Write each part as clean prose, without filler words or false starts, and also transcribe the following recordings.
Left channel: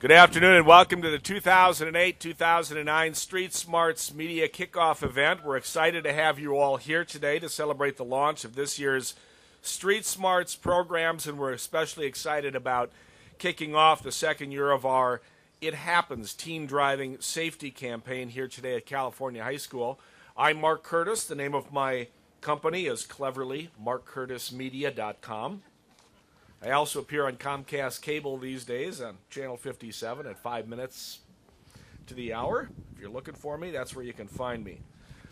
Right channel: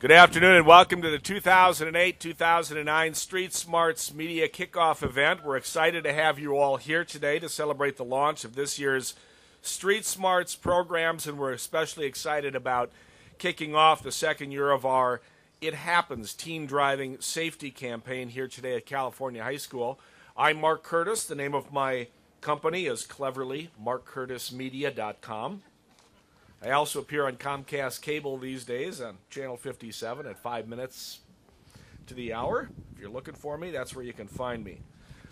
Good afternoon and welcome to the 2008-2009 Street Smarts Media Kickoff event. We're excited to have you all here today to celebrate the launch of this year's Street Smarts programs, and we're especially excited about kicking off the second year of our It Happens Teen Driving Safety Campaign here today at California High School. I'm Mark Curtis. The name of my company is cleverly markcurtismedia.com. I also appear on Comcast Cable these days on Channel 57 at 5 minutes to the hour. If you're looking for me, that's where you can find me.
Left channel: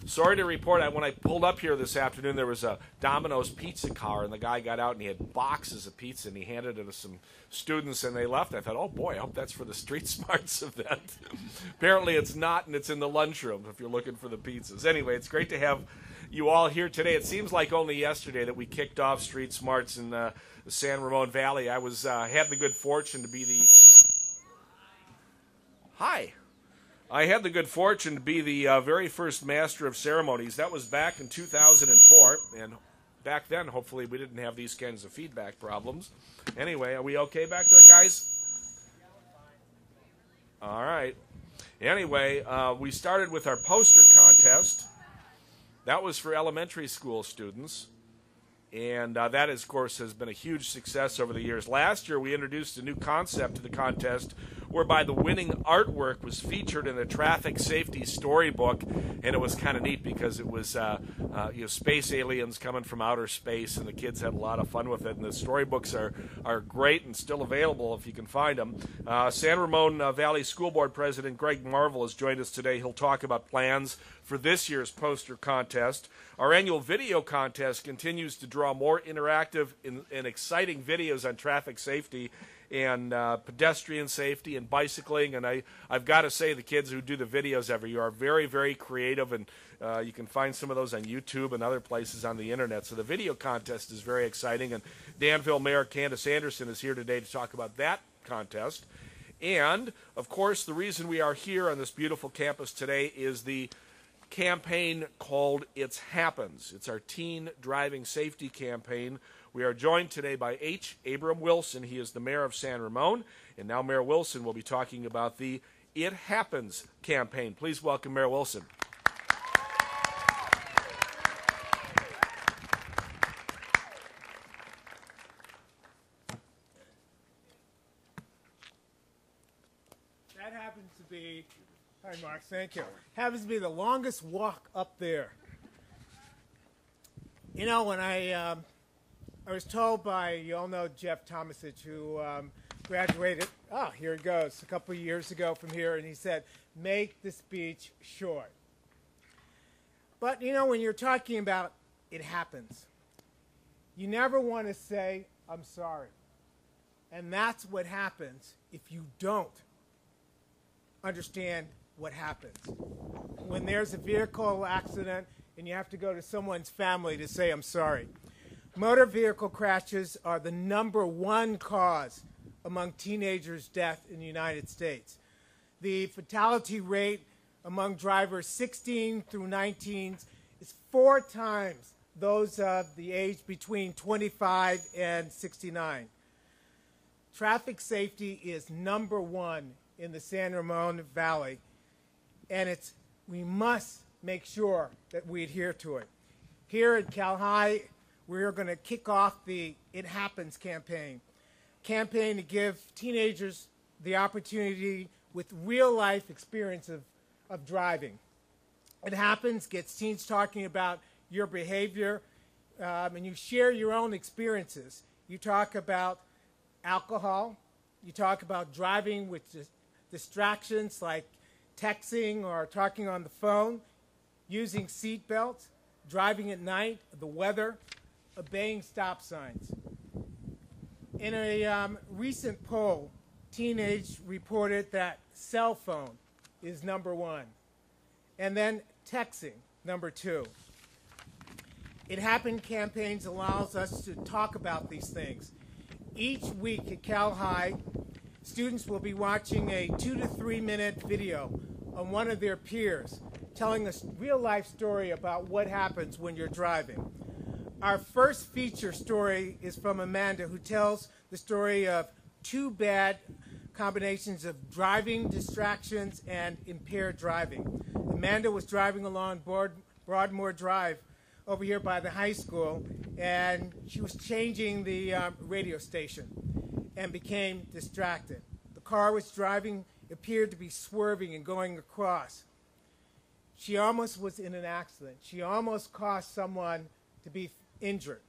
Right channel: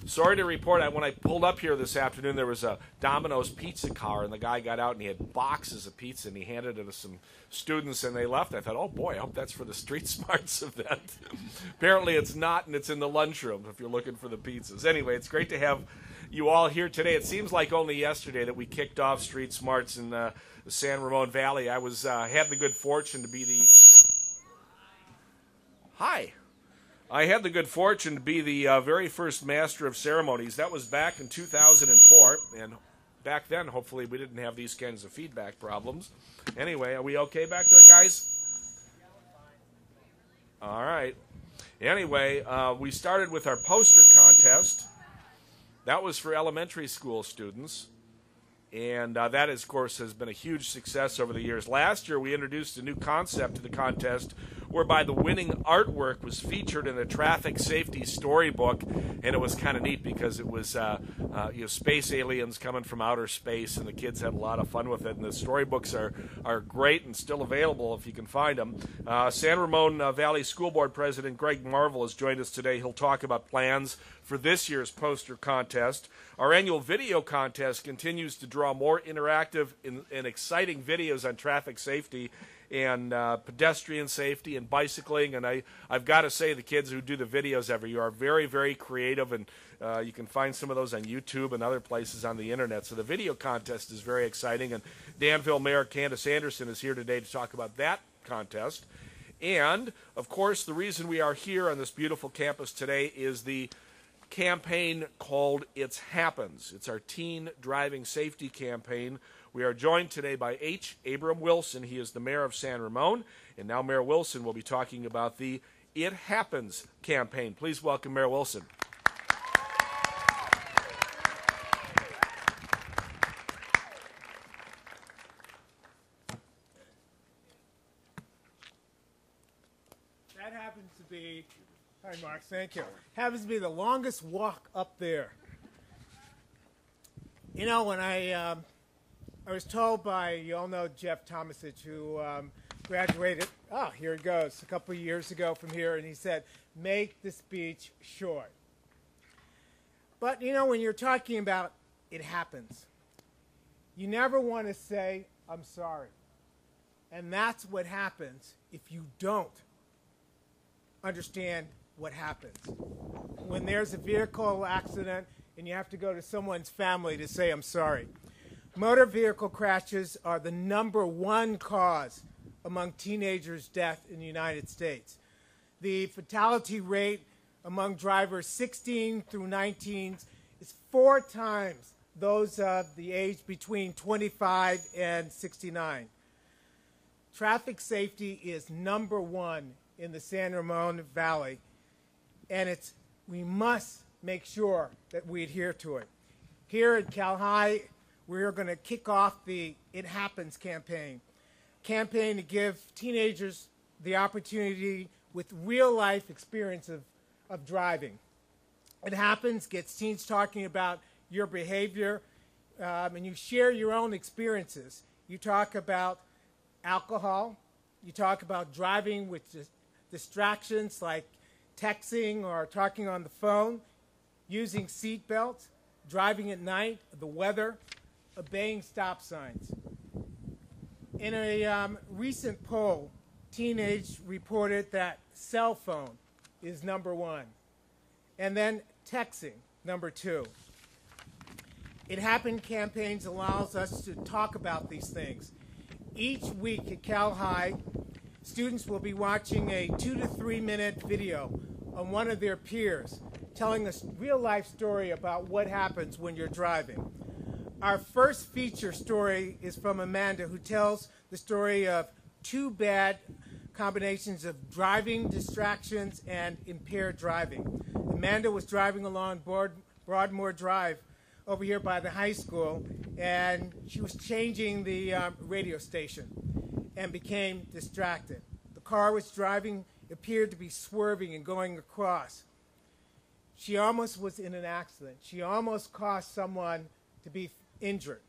Sorry to report, when I pulled up here this afternoon, there was a Domino's pizza car, and the guy got out and he had boxes of pizza, and he handed it to some students, and they left. I thought, oh boy, I hope that's for the Street Smarts event. Apparently it's not, and it's in the lunchroom if you're looking for the pizzas. Anyway, it's great to have you all here today. It seems like only yesterday that we kicked off Street Smarts in the San Ramon Valley. I had the good fortune to be the very first master of ceremonies. That was back in 2004, and back then, hopefully, we didn't have these kinds of feedback problems. Anyway, are we okay back there, guys? All right. Anyway, we started with our poster contest. That was for elementary school students. And that, of course, has been a huge success over the years. Last year, we introduced a new concept to the contest whereby the winning artwork was featured in a traffic safety storybook. And it was kind of neat because it was space aliens coming from outer space, and the kids had a lot of fun with it. And the storybooks are great and still available if you can find them. San Ramon Valley School Board President Greg Marvel has joined us today. He'll talk about plans for this year's poster contest. Our annual video contest continues to draw more interactive and exciting videos on traffic safety and pedestrian safety and bicycling. And I've got to say, the kids who do the videos every year are very, very creative, and you can find some of those on YouTube and other places on the internet. So the video contest is very exciting, and Danville Mayor Candace Anderson is here today to talk about that contest. And, of course, the reason we are here on this beautiful campus today is the campaign called It Happens. It's our teen driving safety campaign. We are joined today by H. Abram Wilson. He is the mayor of San Ramon, and now Mayor Wilson will be talking about the It Happens campaign. Please welcome Mayor Wilson. That happens to be, hi Mark, thank you. Happens to be the longest walk up there. You know, when I was told by, you all know Jeff Tomasich, who graduated, here it goes, a couple of years ago from here, and he said, make the speech short. But, you know, when you're talking about it happens, you never want to say, I'm sorry. And that's what happens if you don't understand what happens. When there's a vehicle accident and you have to go to someone's family to say, I'm sorry. Motor vehicle crashes are the #1 cause among teenagers' death in the United States. The fatality rate among drivers 16 through 19 is 4 times those of the age between 25 and 69. Traffic safety is #1 in the San Ramon Valley, and we must make sure that we adhere to it. Here at Cal High, we're going to kick off the It Happens campaign to give teenagers the opportunity with real-life experience of driving. It Happens gets teens talking about your behavior, and you share your own experiences. You talk about alcohol. You talk about driving with distractions like texting or talking on the phone, using seat belts, driving at night, the weather, obeying stop signs. In a recent poll, teenagers reported that cell phone is #1, and then texting, #2. It Happened campaigns allows us to talk about these things. Each week at Cal High, students will be watching a 2 to 3 minute video on one of their peers telling a real-life story about what happens when you're driving. Our first feature story is from Amanda, who tells the story of 2 bad combinations of driving distractions and impaired driving. Amanda was driving along Broadmoor Drive over here by the high school, and she was changing the radio station and became distracted. The car was driving, appeared to be swerving and going across. She almost was in an accident. She almost caused someone to be injured.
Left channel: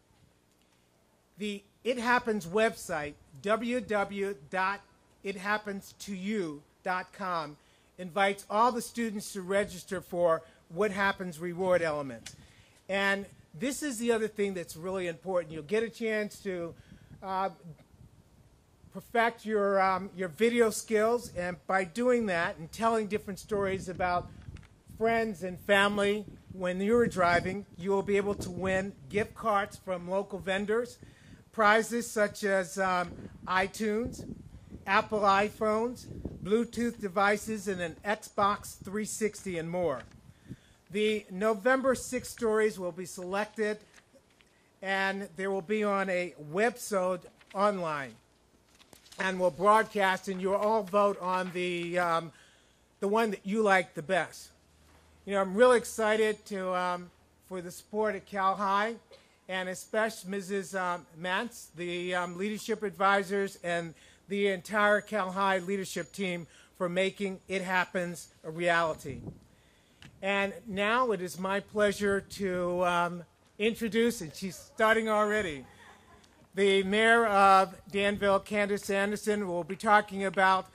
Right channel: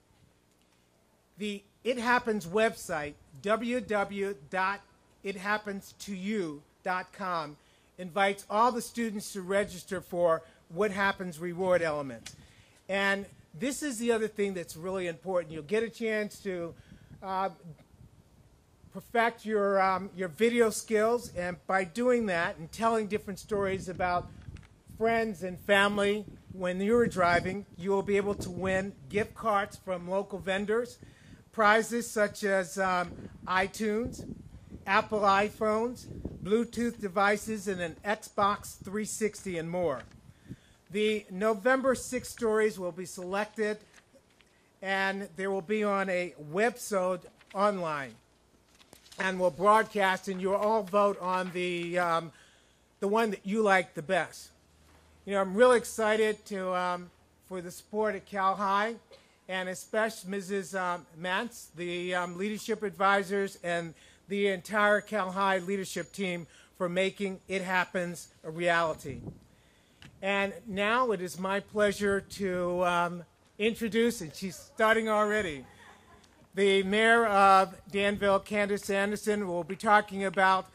The It Happens website, www.ithappenstoyou.com, invites all the students to register for What Happens reward elements. And this is the other thing that's really important. You'll get a chance to perfect your video skills, and by doing that and telling different stories about friends and family when you're driving, you will be able to win gift cards from local vendors, prizes such as iTunes, Apple iPhones, Bluetooth devices, and an Xbox 360 and more. The November 6 stories will be selected, and they will be on a website online, and will broadcast, and you'll all vote on the one that you like the best. You know, I'm really excited for the support at Cal High, and especially Mrs. Mantz, the leadership advisors, and the entire Cal High leadership team for making It Happens a reality. And now it is my pleasure to introduce, and she's starting already, the mayor of Danville, Candace Anderson, will be talking about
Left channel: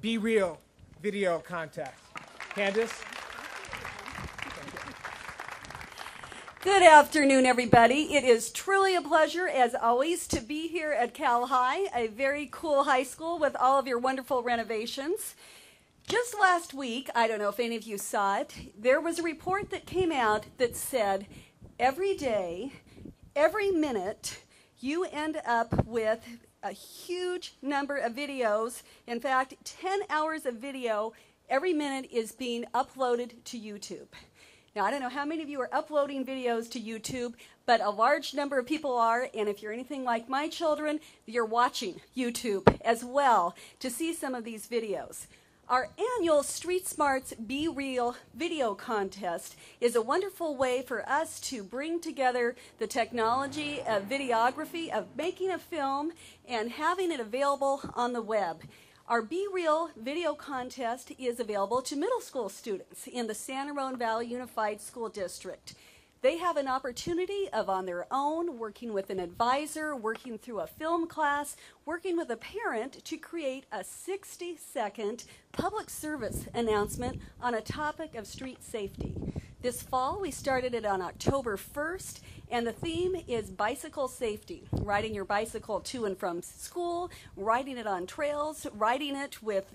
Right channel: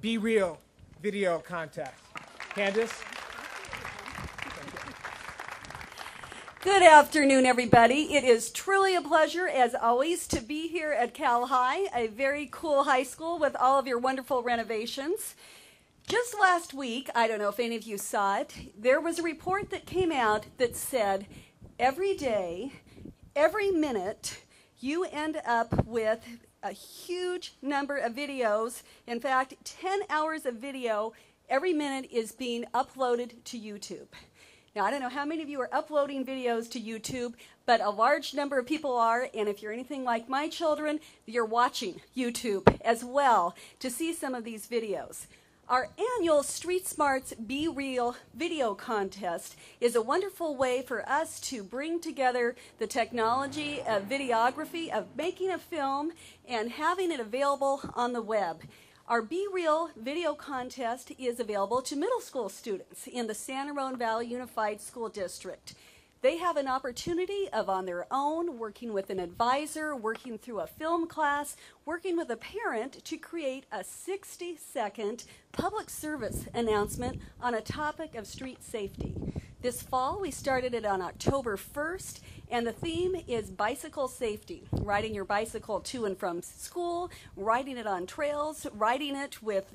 Be Real video contest. Candace? Good afternoon, everybody. It is truly a pleasure, as always, to be here at Cal High, a very cool high school with all of your wonderful renovations. Just last week, I don't know if any of you saw it, there was a report that came out that said every day, every minute, you end up with a huge number of videos. In fact, 10 hours of video every minute is being uploaded to YouTube. Now, I don't know how many of you are uploading videos to YouTube, but a large number of people are, and if you're anything like my children, you're watching YouTube as well to see some of these videos. Our annual Street Smarts Be Real video contest is a wonderful way for us to bring together the technology of videography, of making a film, and having it available on the web. Our Be Real video contest is available to middle school students in the San Ramon Valley Unified School District. They have an opportunity of, on their own, working with an advisor, working through a film class, working with a parent to create a 60-second public service announcement on a topic of street safety. This fall, we started it on October 1st, and the theme is bicycle safety. Riding your bicycle to and from school, riding it on trails, riding it with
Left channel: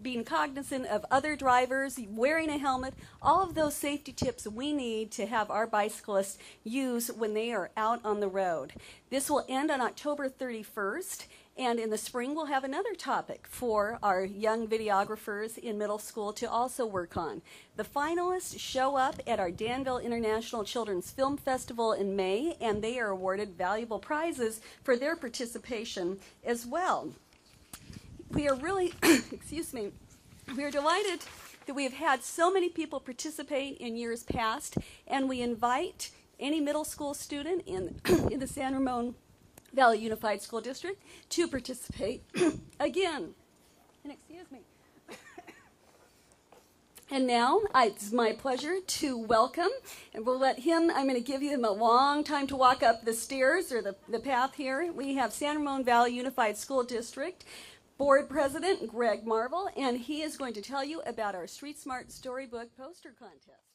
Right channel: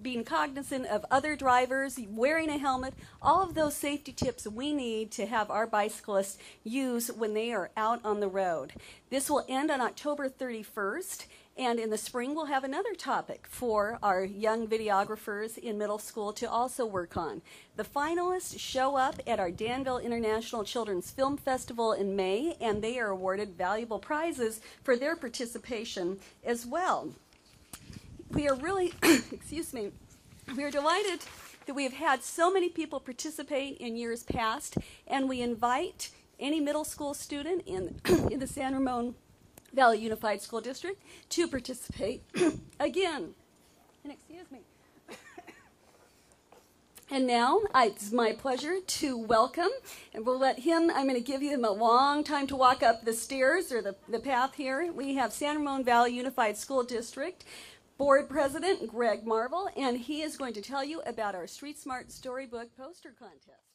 being cognizant of other drivers, wearing a helmet, all of those safety tips we need to have our bicyclists use when they are out on the road. This will end on October 31st, and in the spring we'll have another topic for our young videographers in middle school to also work on. The finalists show up at our Danville International Children's Film Festival in May, and they are awarded valuable prizes for their participation as well. We are really, excuse me, we are delighted that we have had so many people participate in years past, and we invite any middle school student in the San Ramon Valley Unified School District to participate again. And excuse me. And now it's my pleasure to welcome, and we'll let him, I'm going to give him a long time to walk up the stairs or the path here. We have San Ramon Valley Unified School District Board President Greg Marvel, and he is going to tell you about our Street Smart Storybook Poster Contest.